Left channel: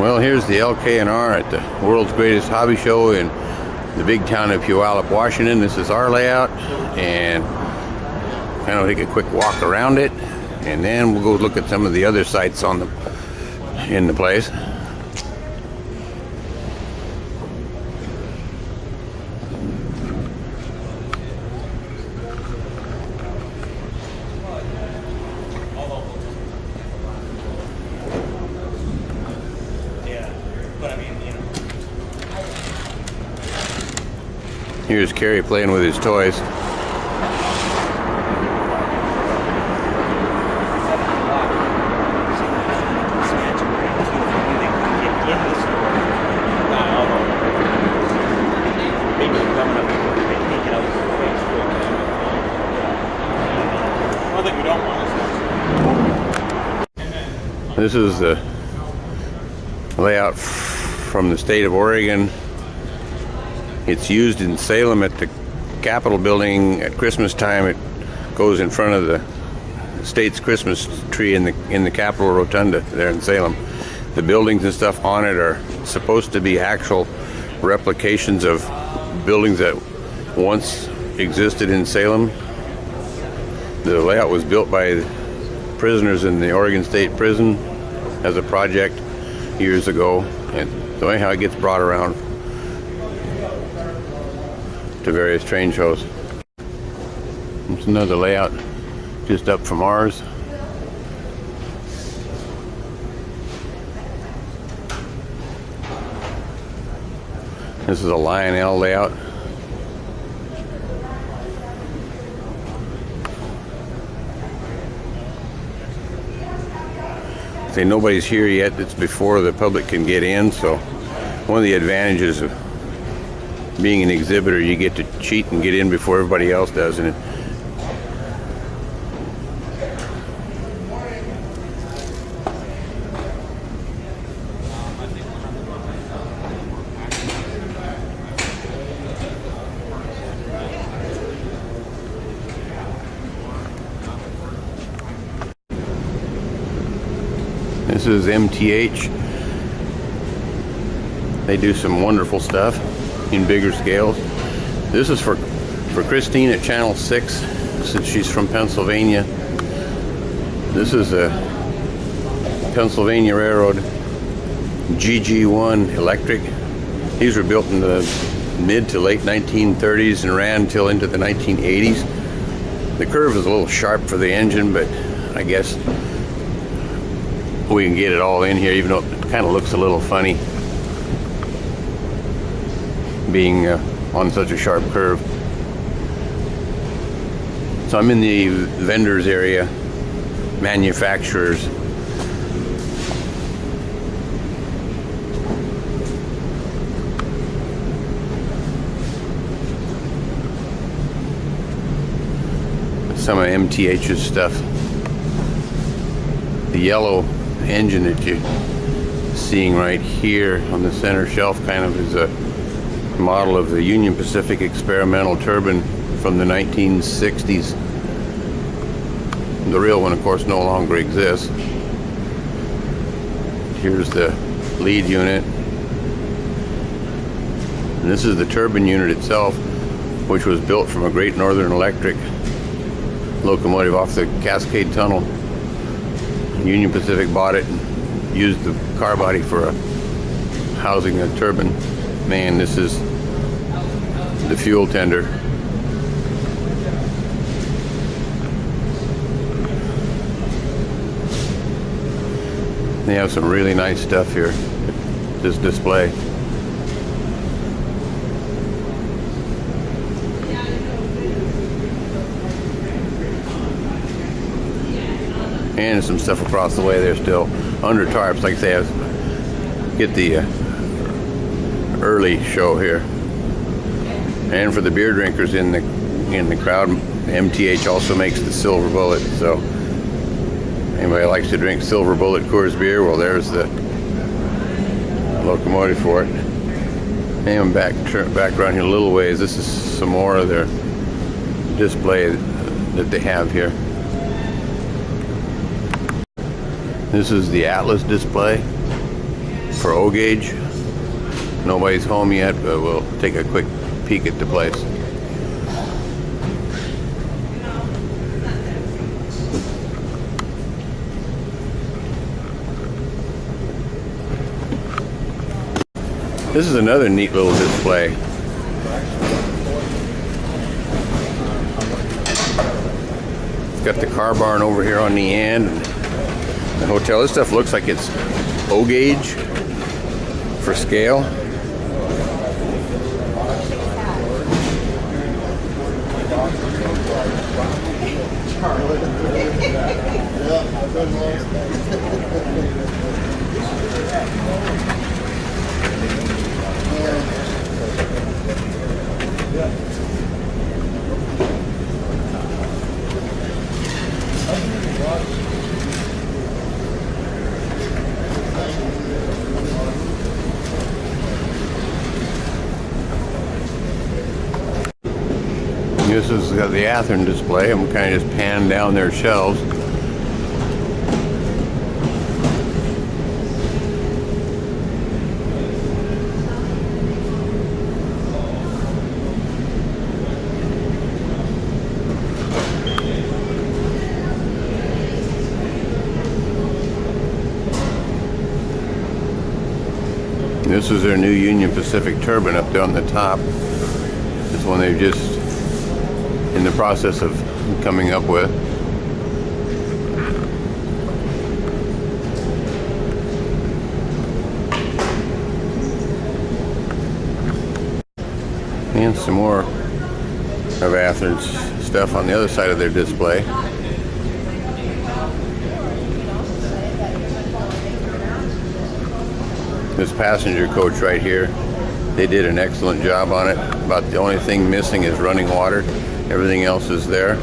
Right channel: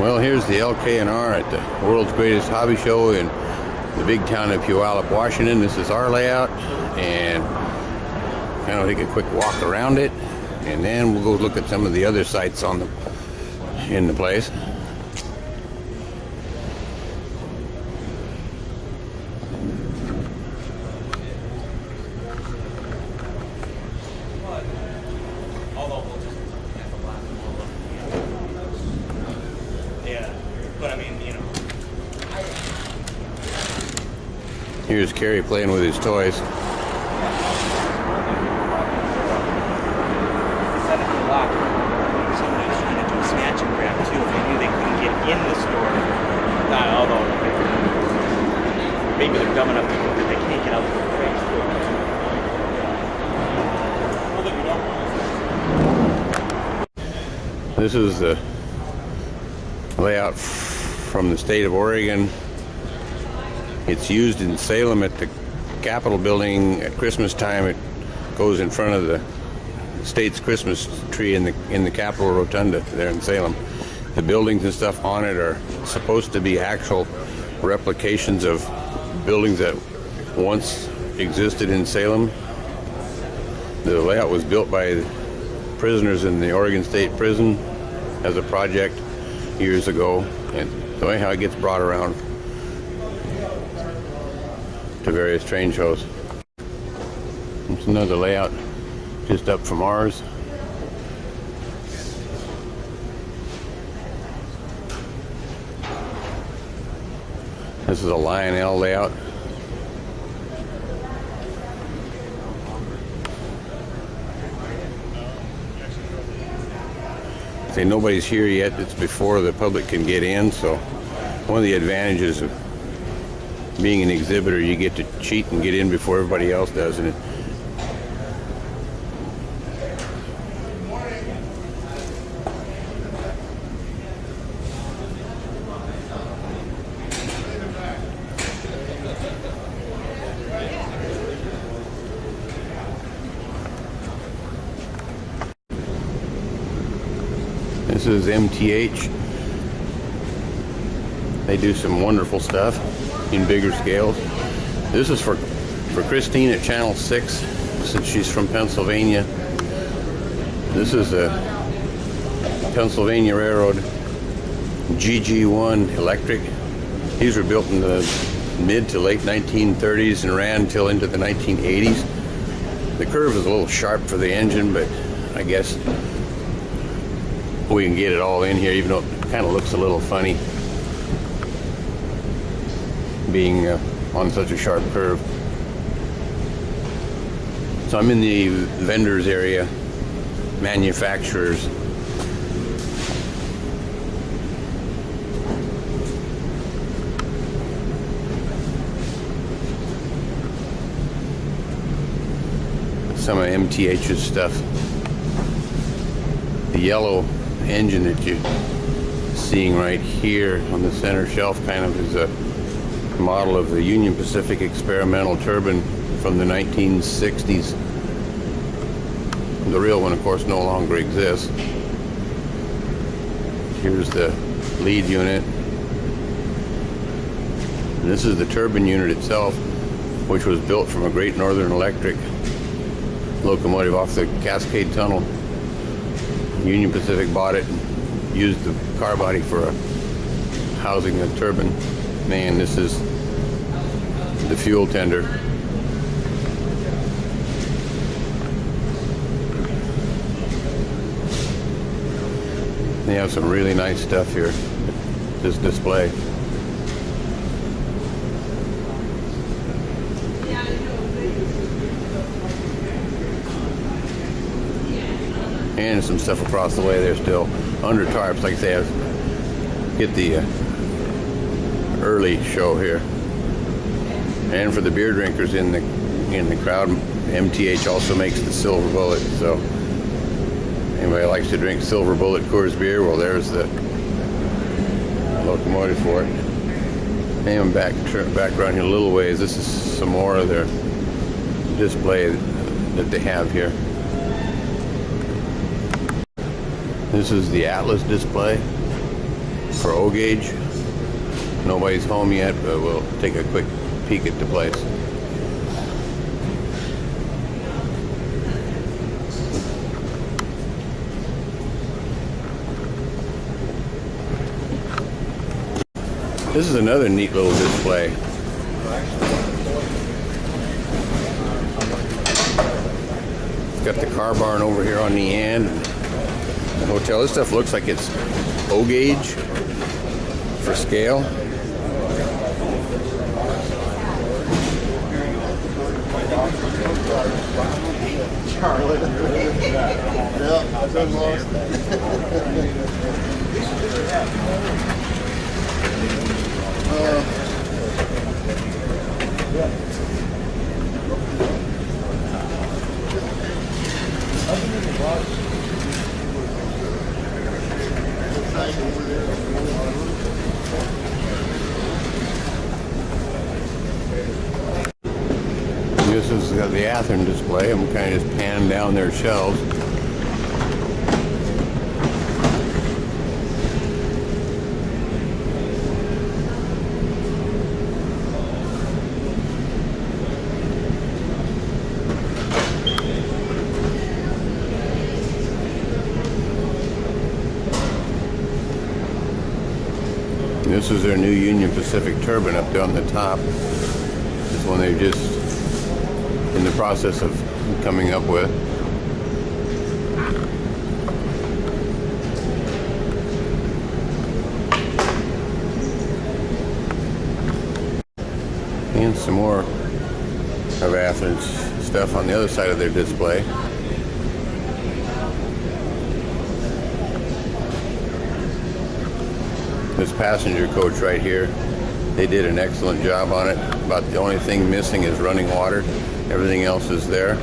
Well, here's the LK&R at the world's greatest hobby show in the big town of Puyallup, Washington. This is our layout, and kind of take a quick walk around it, and then we'll go look at some of the other sites in the place. Here's Kerry playing with his toys. This is the layout from the state of Oregon. It's used in Salem at the Capitol building at Christmas time. It goes in front of the state's Christmas tree in the Capitol Rotunda there in Salem. The buildings and stuff on it are supposed to be actual replications of buildings that once existed in Salem. The layout was built by prisoners in the Oregon State Prison as a project years ago, and so anyhow it gets brought around to various train shows. It's another layout just up from ours. This is a Lionel layout. Say nobody's here yet. It's before the public can get in, so one of the advantages of being an exhibitor, you get to cheat and get in before everybody else does. And this is MTH. They do some wonderful stuff in bigger scales. This is for Christine at Channel 6, since she's from Pennsylvania. This is a Pennsylvania Railroad GG1 electric. These were built in the mid to late 1930s and ran until into the 1980s. The curve is a little sharp for the engine, but I guess we can get it all in here, even though it kind of looks a little funny being on such a sharp curve. So I'm in the vendors area, manufacturers. Some of MTH's stuff. The yellow engine that you're seeing right here on the center shelf kind of is a model of the Union Pacific experimental turbine from the 1960s. The real one, of course, no longer exists. Here's the lead unit. And this is the turbine unit itself, which was built from a Great Northern Electric locomotive off the Cascade Tunnel. Union Pacific bought it and used the car body for housing a turbine. Man, this is the fuel tender. They have some really nice stuff here at this display. And some stuff across the way there still under tarps, like they have. Get the early show here. And for the beer drinkers in the crowd, MTH also makes the Silver Bullet. So anybody likes to drink Silver Bullet Coors beer, well, there's the locomotive for it. And back around here a little ways. This is some more of their display that they have here. This is the Atlas display. for O gauge. Nobody's home yet, but we'll take a quick peek at the place. This is another neat little display. It's got the car barn over here on the end. The hotel. This stuff looks like it's O gauge for scale. This is the Athearn display. I'm kind of just panning down their shelves. This is their new Union Pacific turbine up there on the top. This one they're just in the process of coming up with. And some more of Athearn's stuff on the other side of their display. This passenger coach right here, they did an excellent job on it. About the only thing missing is running water. Everything else is there.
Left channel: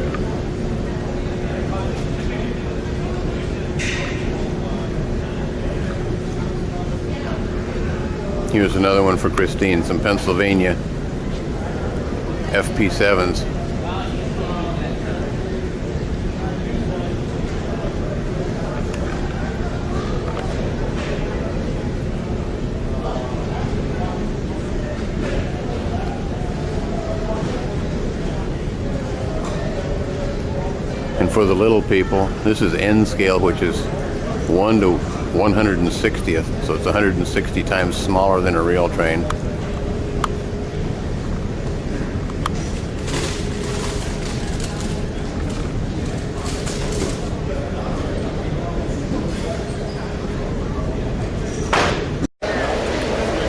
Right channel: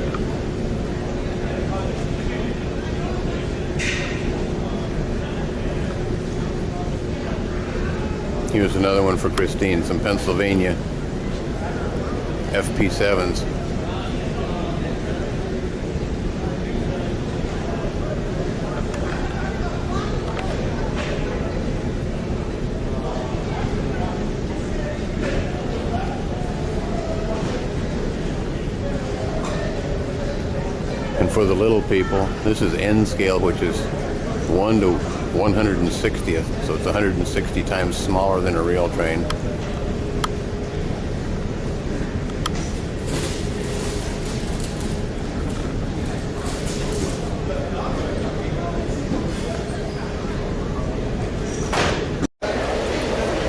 Here's another one for Christine, some Pennsylvania FP7s. And for the little people, this is N scale, which is 1 to 160th, so it's 160 times smaller than a rail train.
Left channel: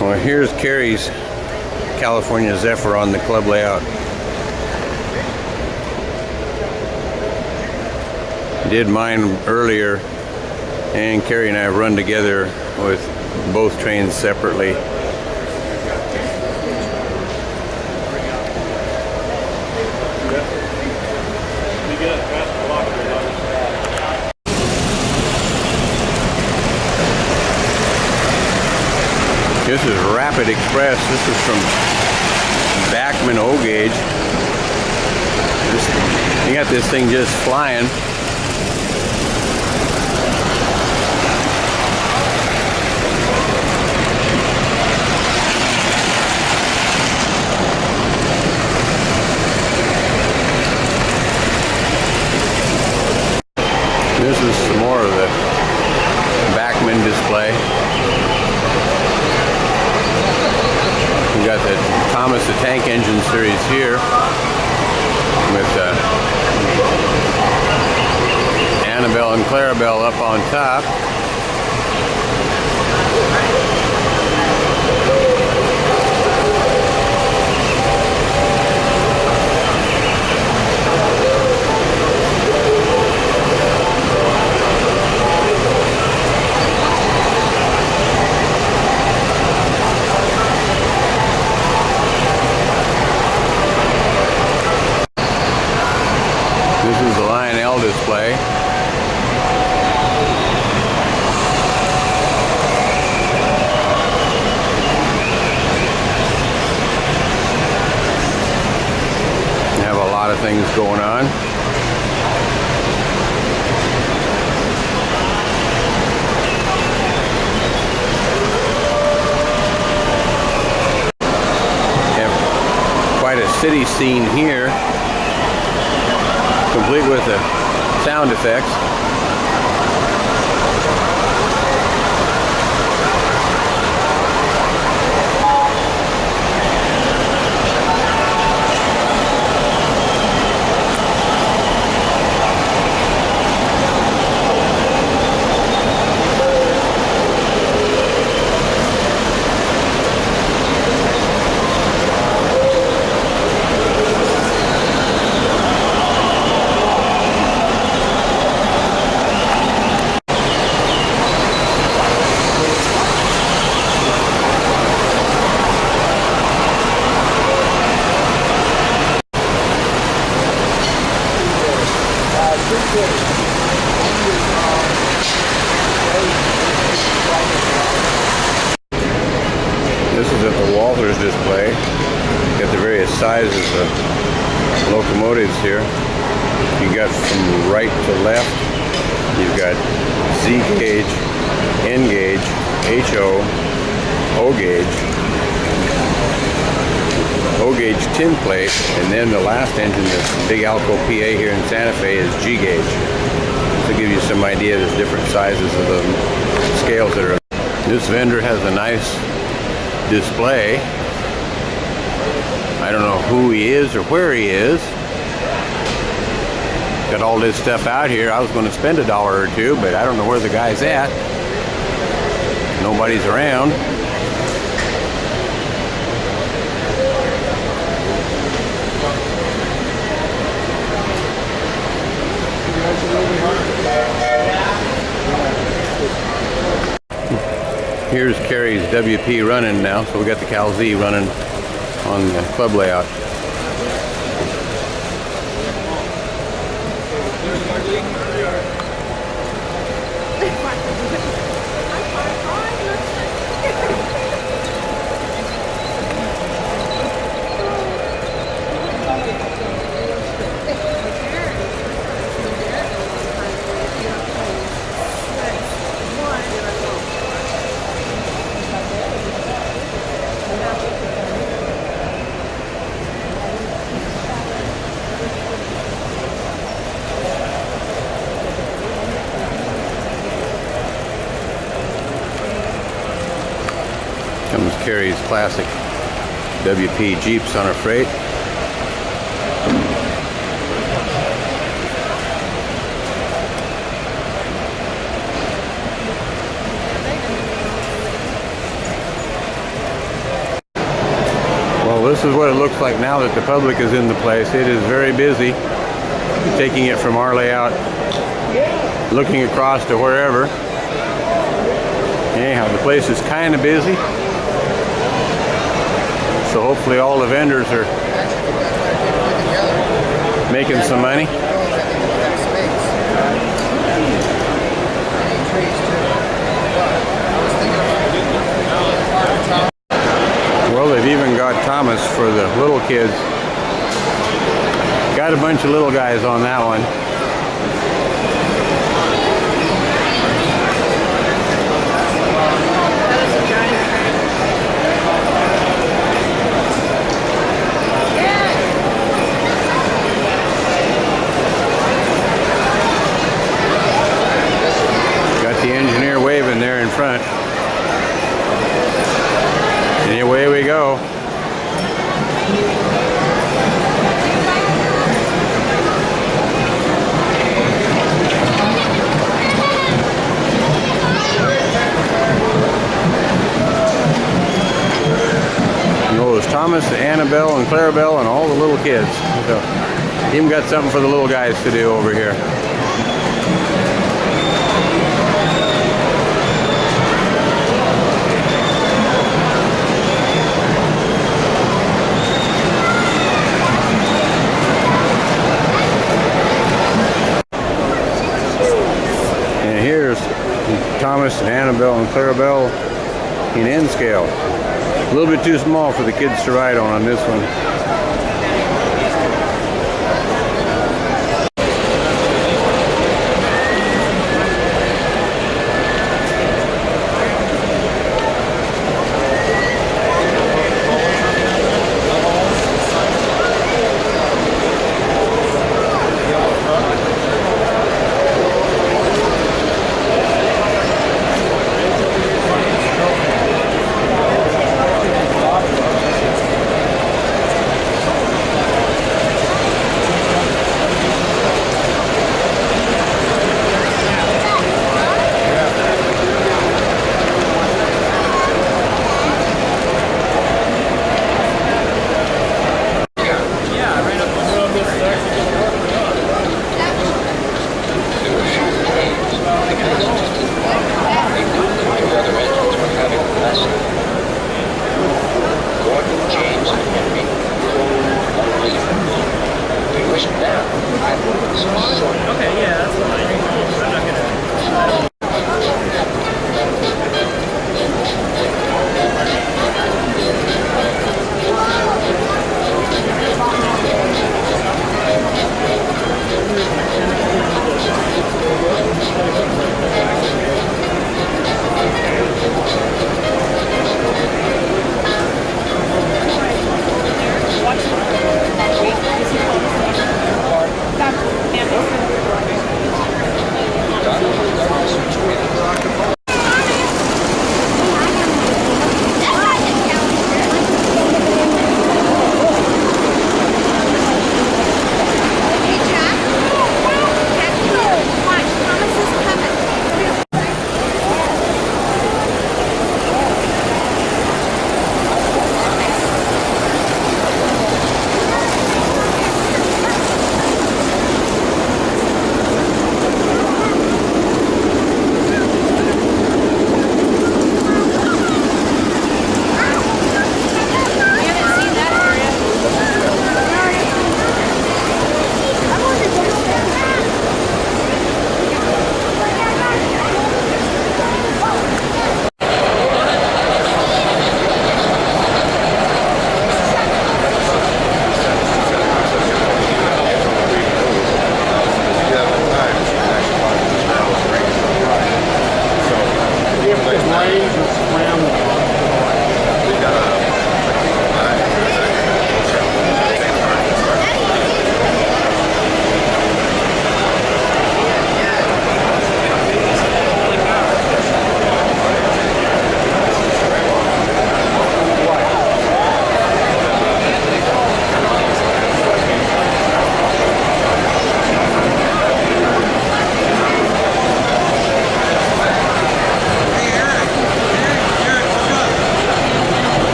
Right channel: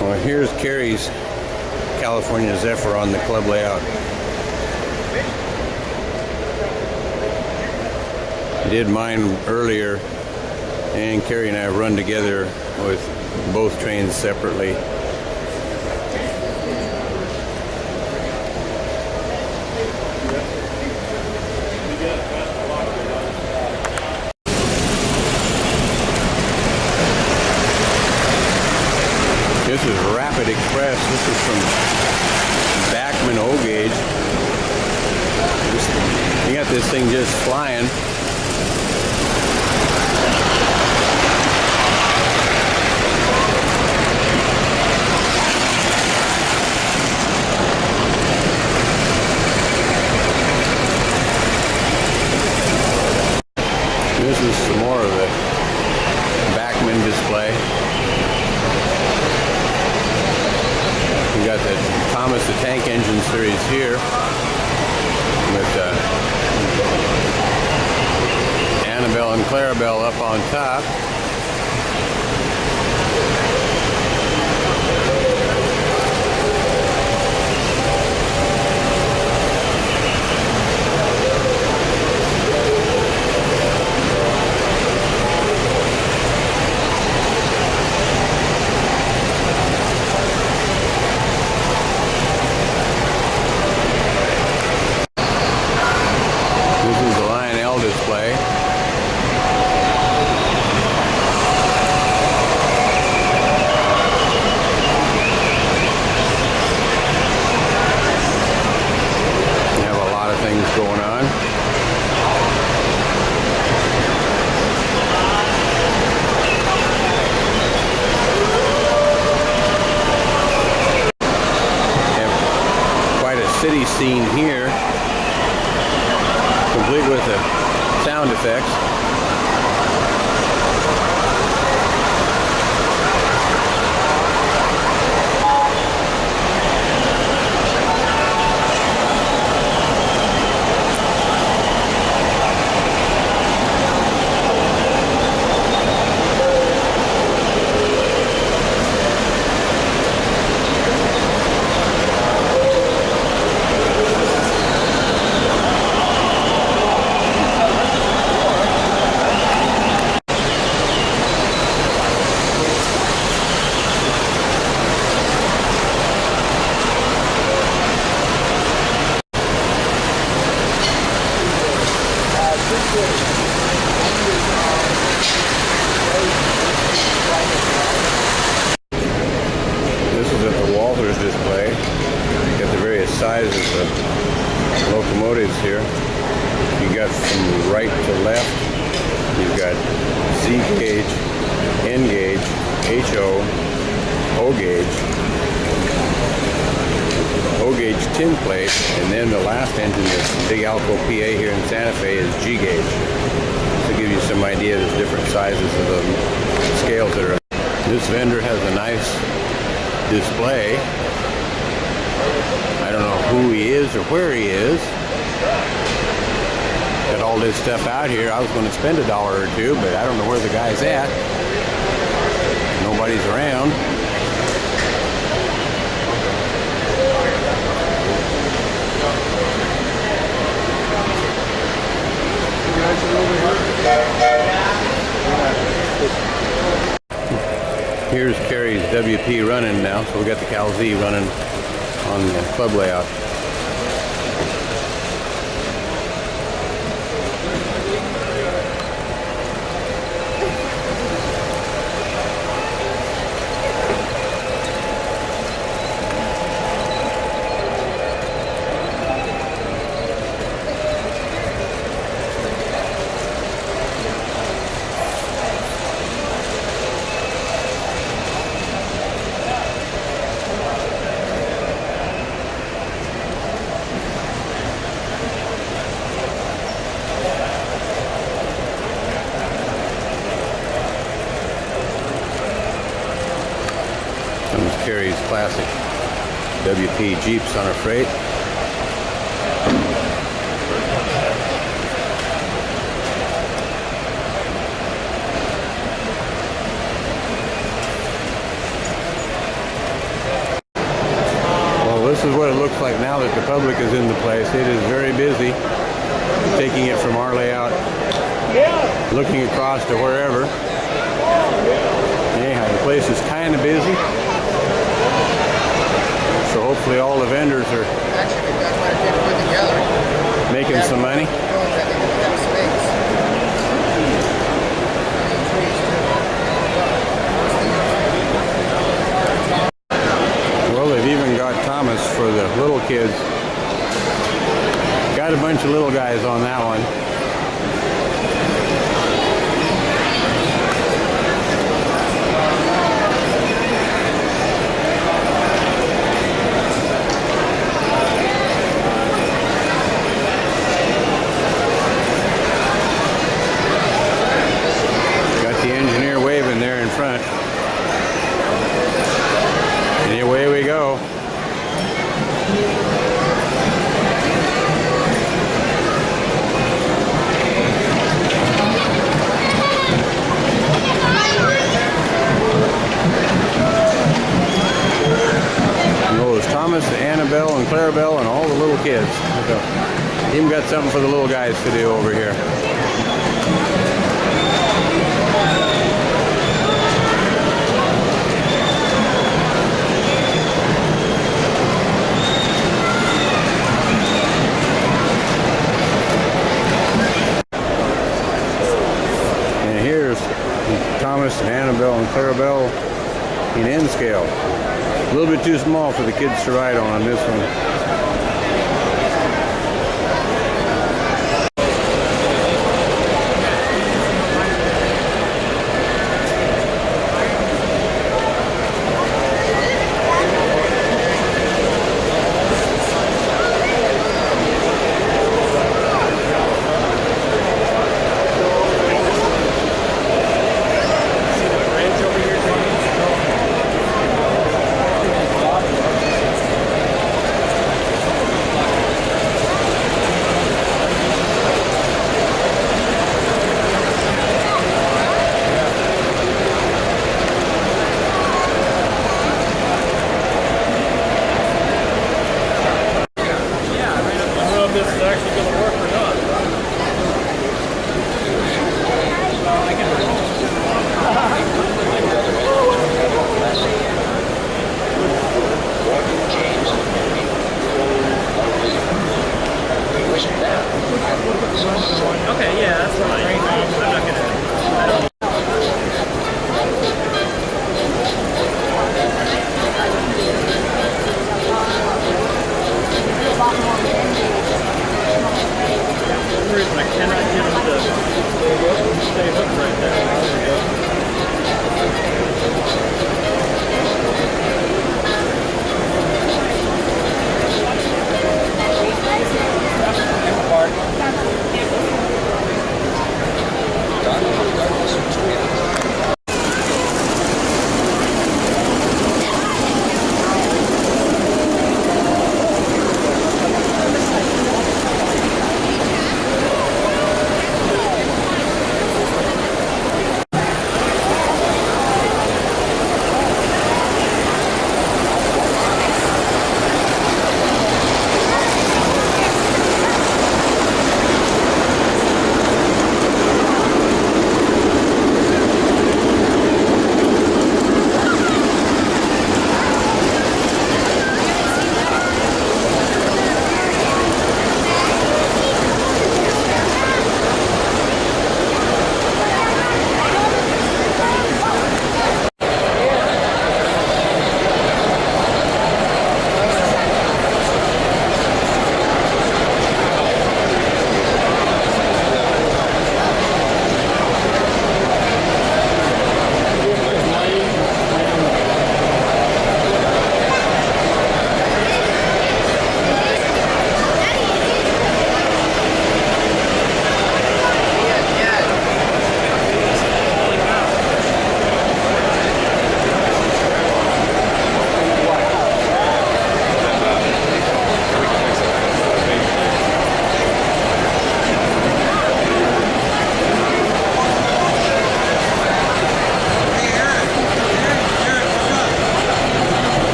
Well, here's Carrie's California Zephyr on the club layout. Did mine earlier, and Carrie and I have run together with both trains separately. This is Rapid Express. This is from Bachman O gauge. You got this thing just flying. This is some more of the Bachman display. We got the Thomas the Tank Engine series here with Annabelle and Clarabelle up on top. This is the Lion L display. We have a lot of things going on. city scene here, complete with the sound effects. This is at the Walters display. Got the various sizes of locomotives here. You got from right to left. You've got Z gauge, N gauge, HO, O gauge tin plate, and then the last engine, this big Alco PA here in Santa Fe, is G gauge. To give you some idea, there's different sizes of the scales that are. This vendor has a nice display. I don't know who he is or where he is. Got all this stuff out here. I was going to spend $1 or $2, but I don't know where the guy's at. Nobody's around. Here's Carrie's WP running now, so we got the Cal Z running on the club layout. Comes Carrie's classic WP Jeeps on a freight. Well, this is what it looks like now that the public is in the place. It is very busy. Taking it from our layout, looking across to wherever. Anyhow, the place is kind of busy. So hopefully all the vendors are making some money. Well, they've even got Thomas for the little kids. Got a bunch of little guys on that one. There in front. And away we go. Oh, there's Thomas, Annabelle, and Clarabelle, and all the little kids. So, even got something for the little guys to do over here. Thomas and Annabelle and Clarabelle in N scale. A little bit too small for the kids to ride on this one.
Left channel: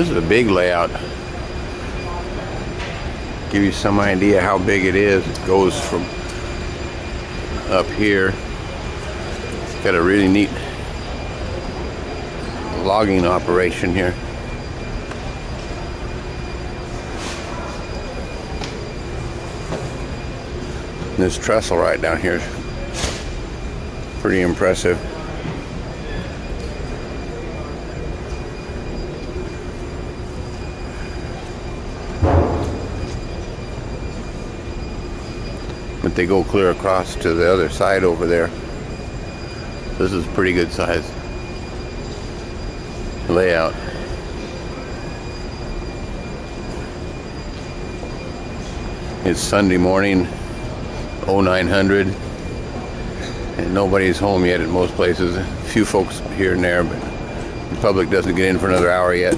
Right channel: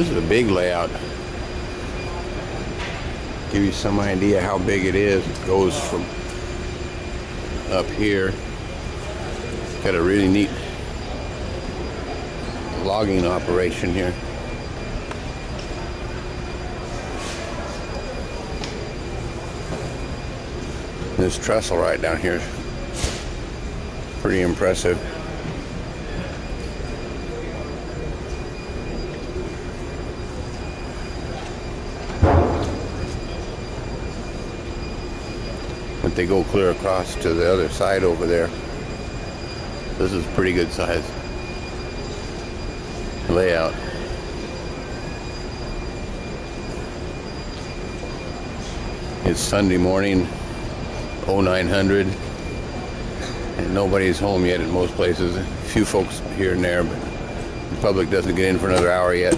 This is a big layout. Give you some idea how big it is. It goes from up here. Got a really neat logging operation here. This trestle right down here is pretty impressive. But they go clear across to the other side over there. This is pretty good size layout. It's Sunday morning, 0900, and nobody's home yet at most places. A few folks here and there, but the public doesn't get in for another hour yet.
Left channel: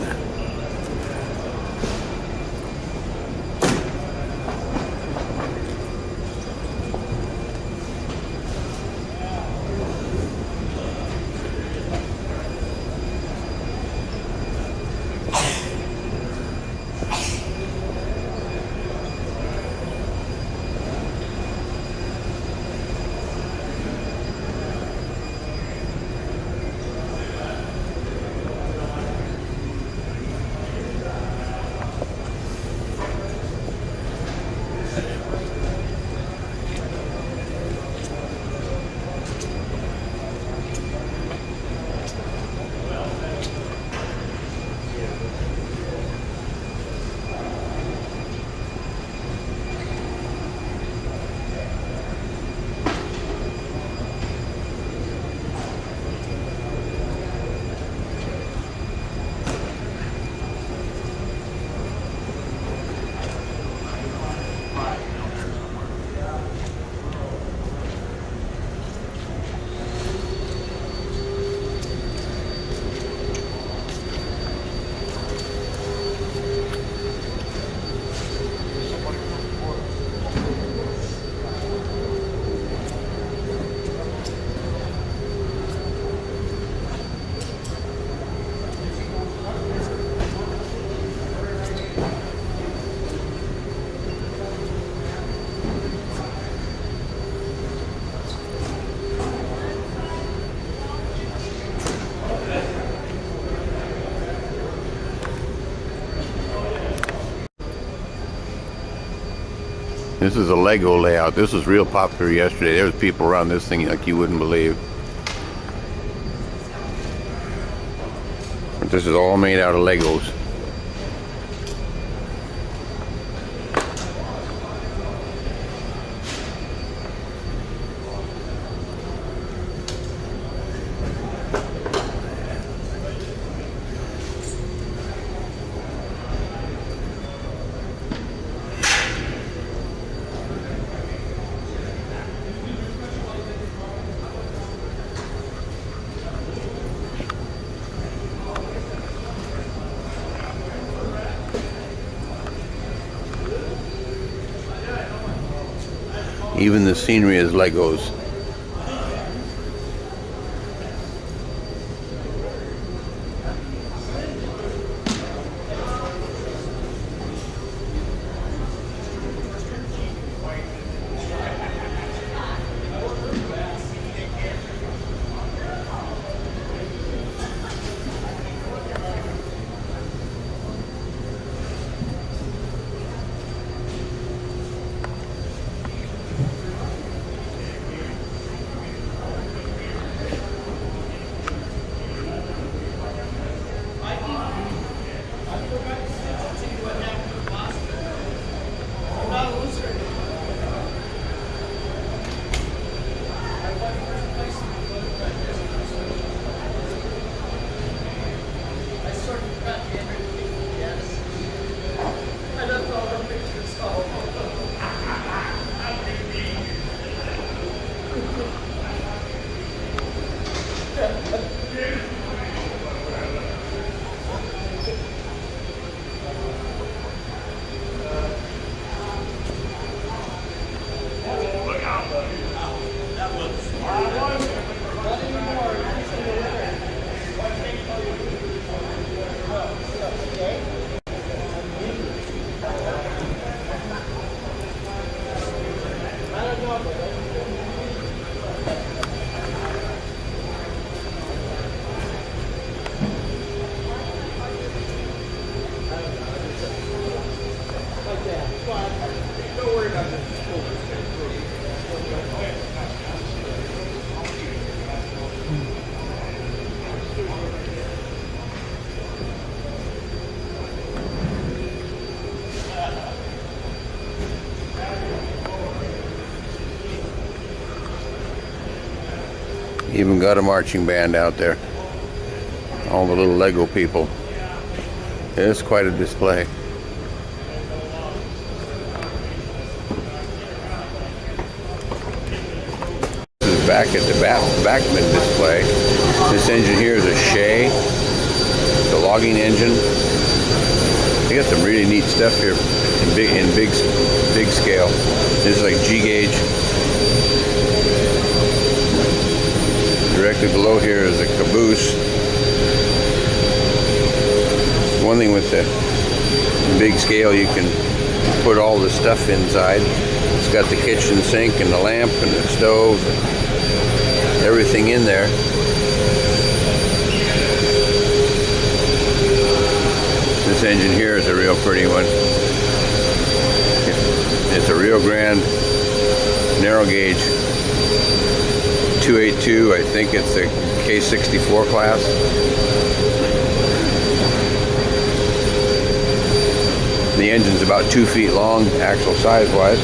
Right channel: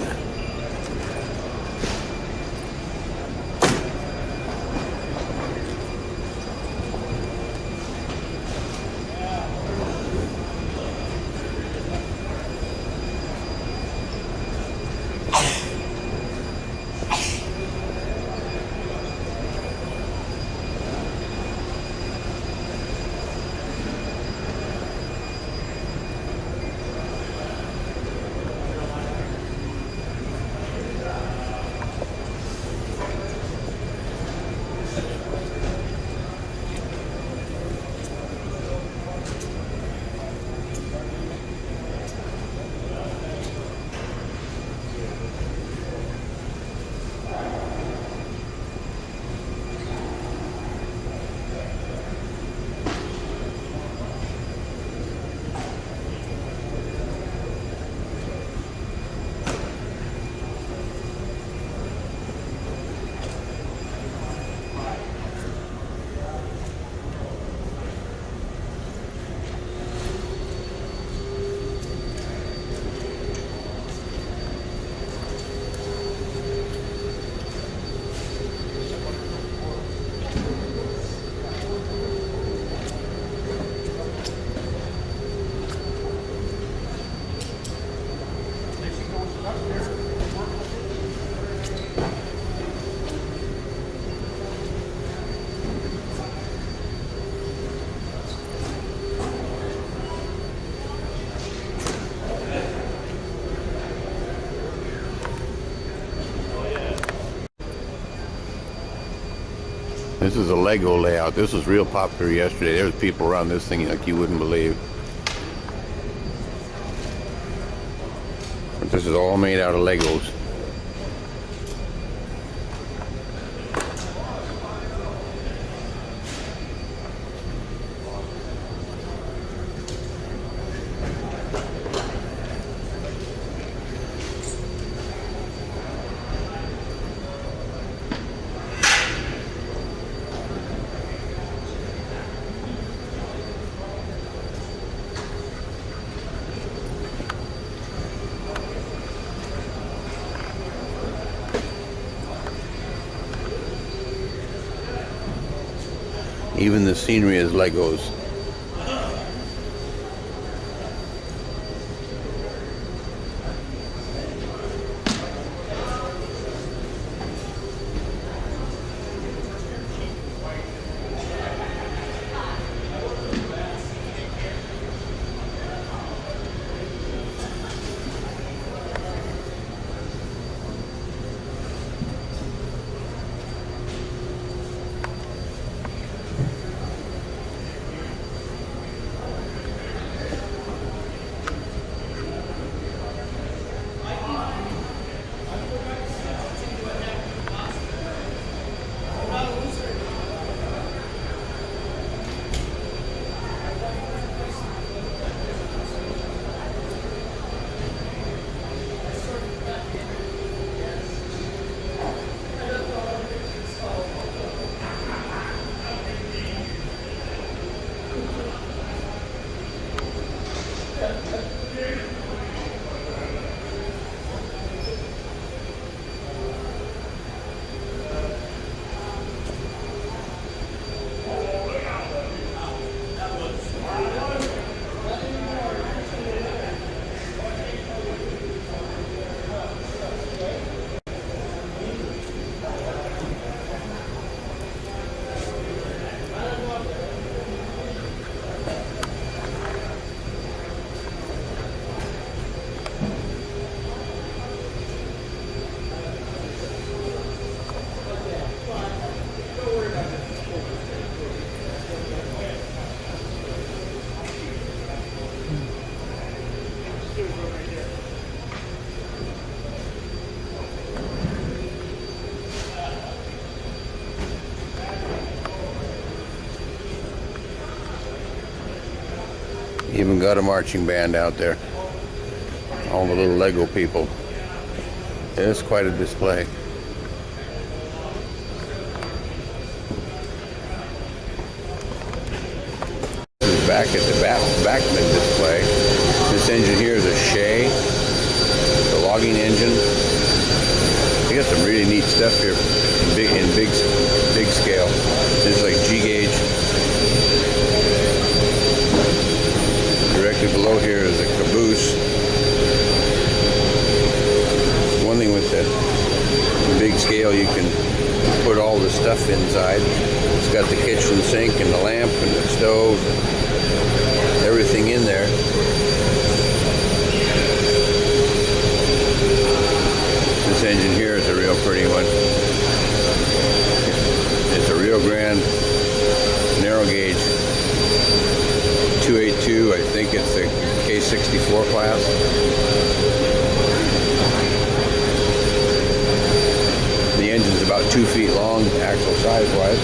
This is a Lego layout. This was real popular yesterday. There was people around this thing like you wouldn't believe. But this is all made out of Legos. Even the scenery is Legos. Even got a marching band out there. All the little Lego people. It's quite a display. This is back at the Backman display. This engine here is a Shea, the logging engine. They got some really neat stuff here in big scale. This is like G gauge. Directly below here is a caboose. One thing with the big scale, you can put all the stuff inside. It's got the kitchen sink and the lamp and the stove, everything in there. This engine here is a real pretty one. It's a Rio Grande narrow gauge 282. I think it's a K64 class. The engine's about 2 feet long, axle size wise.